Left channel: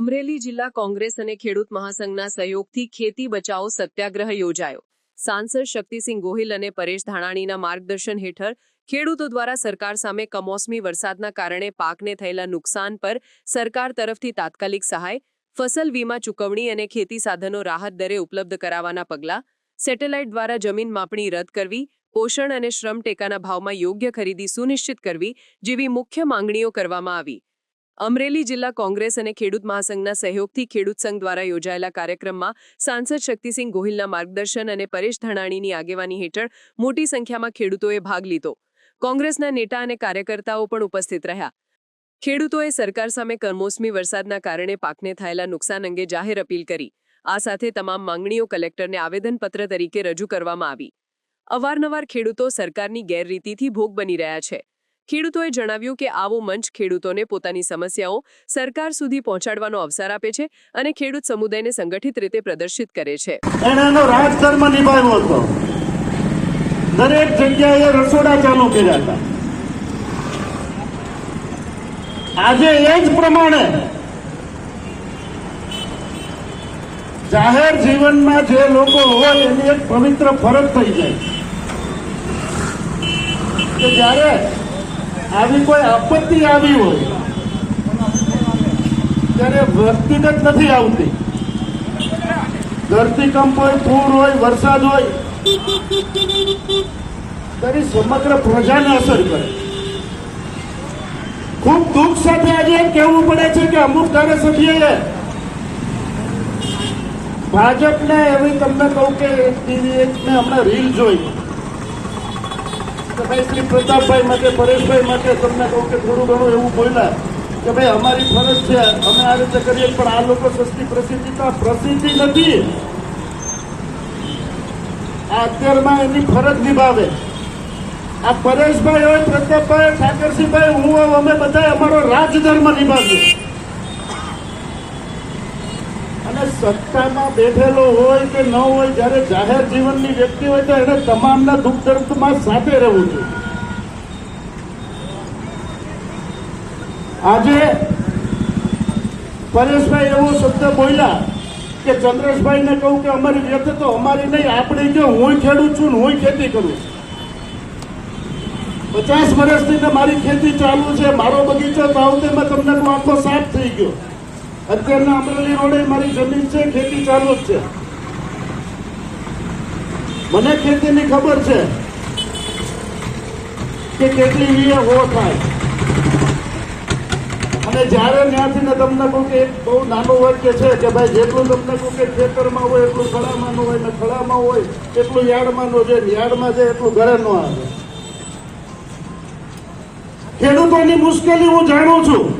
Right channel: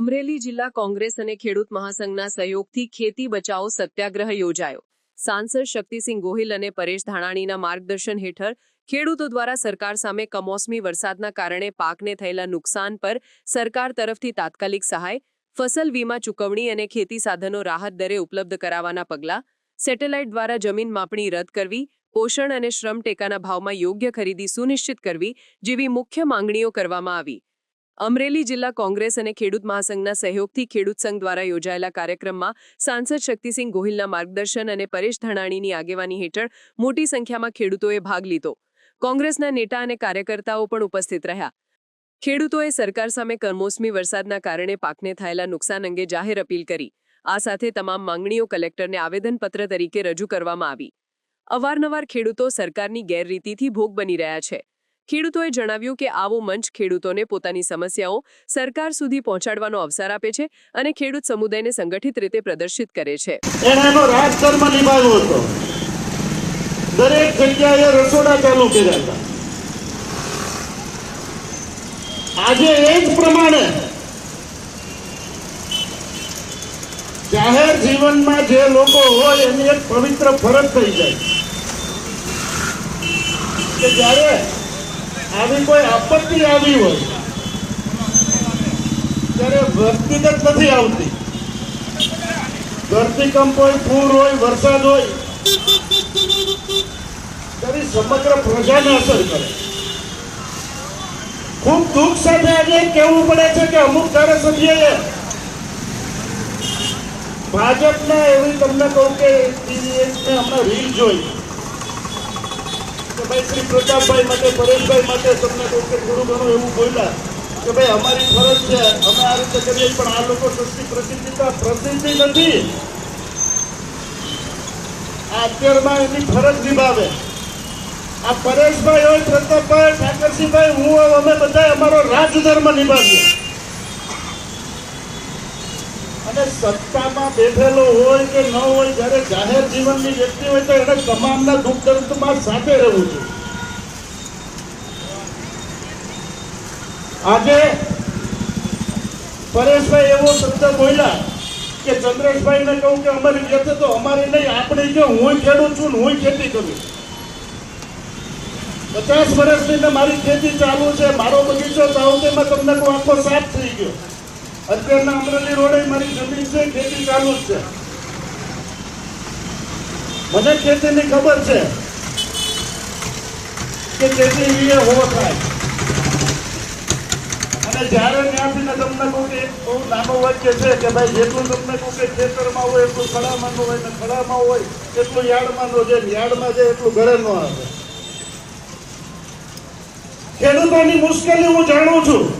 અમરેલી જિલ્લા કોંગ્રેસ અને ખેડૂત મહાસંઘના સહયોગથી ખેતી બચાવો સત્યાગ્રહ યોજાયો. સાંસદ શક્તિસિંહ ગોહિલ અને પરેશ ધાણાણીના માર્ગદર્શન હેઠળ ખેડૂતો દ્વારા સરકાર સામે કમોસમી વરસાદના કારણે પાકને થયેલા નુકસાન પર સરકાર તરફથી તાત્કાલિક સહાય, ફસલ વીમા ચૂકવણી અને ખેતી સાધનો રાહત દરે ઉપલબ્ધ કરાવવાના પગલાં, સેટેલાઇટ દ્વારા જમીન માપણી રદ કરવી, પોષણ અને શ્રમ ટેકાના ભાવમાં યોગ્ય ખરીદી સુનિશ્ચિત કરવી જેવી મુખ્ય માંગણીઓ કરવામાં આવી. અમરેલી જિલ્લા કોંગ્રેસ અને ખેડૂત મહાસંઘના સહયોગથી ખેડૂત સંઘ દ્વારા યોજાયેલા કાર્યક્રમમાં સાંસદ શક્તિસિંહ ગોહિલના માર્ગદર્શન અને પરેશ ધણાણીની આગેવાની હેઠળ મોટી સંખ્યામાં ખેડૂતોએ ભાગ લીધો. કોંગ્રેસના નેતા અને કાર્યકર્તાઓ પણ ઉપસ્થિત રહ્યા. ખેડૂતોએ સરકાર સામે કમોસમી વરસાદના કારણે પાકને થયેલા નુકસાન અંગે જાહેર અપીલ કરી. આ સાથે તમામ માંગણીઓ કલેક્ટરને આવેદનપત્ર તરીકે રજૂ કરવામાં આવી. અવારનવાર ખેડૂતો સરકારની ગેરરીતિથી ભોગ બની રહ્યા છે. ખેડૂતોએ જણાવ્યું કે આવો મંચ ખેડૂતોને પોતાની સમસ્યાઓ સરકાર સુધી પહોંચાડવાનો અવસર આપે છે અને ખેડૂત સમુદાયને સંગઠિત રીતે પ્રદર્શિત કરે છે. દરેક જગ્યાએ રસોડા ચાલુ કર્યા હતા. આજે એ જ પ્રમાણે જાહેર જીવનમાં જે લોકો હોય એની એક પવિત્ર ફરજ થઈ જાય. કે જ્યારે આવી કોઈ આપત્તિ આવી હોય, ત્યારે વ્યક્તિગત નથી આવતી. ધરતીકંપ હોય પૂર હોય, વરસાદ હોય ત્યારે સમગ્ર પ્રજાને અસર કરે. ખૂબ દુઃખ સાથે આજે કહેવું પડે છે કે અમુક ધારાસભ્યએ ભાજપને એવી તમને કહું કે ટીવી એક મેં હમણાં રીલ જોઈ. કે ભાઈ શ્રી પ્રતાપભાઈ માટે, પરેશભાઈ માટે તમને કહું કે થોડું ઘણું એવું બોલ્યા કે ભાઈ અમારી ફરજ છે, અમે આ રીતે કરીએ, પણ આ લોકો સસ્તી પ્રસિદ્ધિ તો પ્રસિદ્ધિ નથી. આ અત્યારમાં એની ફરજ નિભાવે. આ પરેશભાઈ હોય, પ્રતાપભાઈ, ઠાકરસિંહભાઈ, હું અમે બધા અમારો રાજધર્મ નિભાવીએ અને સત્તામાં બેઠેલો હોય કે ન હોય, જ્યારે જાહેર જીવનની વ્યક્તિ હોય તો એને તમામના દુઃખ દર્દમાં સાથે રહેવું જોઈએ. આજે પરેશભાઈ એવો શબ્દ બોલ્યા કે ચંદ્રેશભાઈને કહું કે અમારી વ્યથા તો અમારી નહીં, આપણે જો હું ખેડું છું ને હું ખેતી કરું. પચાસ વર્ષથી મારી ખેતી ચાલુ છે, મારો બગીચો તાવતીમાં તમને કહું આખો સાફ થઈ ગયો. અત્યારના અમરેલી રોડે મારી જમીન છે, ખેતી ચાલુ જ છે. મને ખેતીની ખબર છે કે કેટલી વીએ હો થાય. અને જ્યારે ત્યાંથી મેં તમને કહું કે બહુ નાનો વાક્ય છે કે ભાઈ જેટલું તમને કહું કે ખેતરમાં હોય, એટલું ખડામાં હોય, ને ખડામાં હોય, એટલું યાર્ડમાં નો જાય યાર્ડમાં જાય, એટલું ઘરે ન આવે. ખેડૂતોની મુશ્કેલી હું જાણું છું.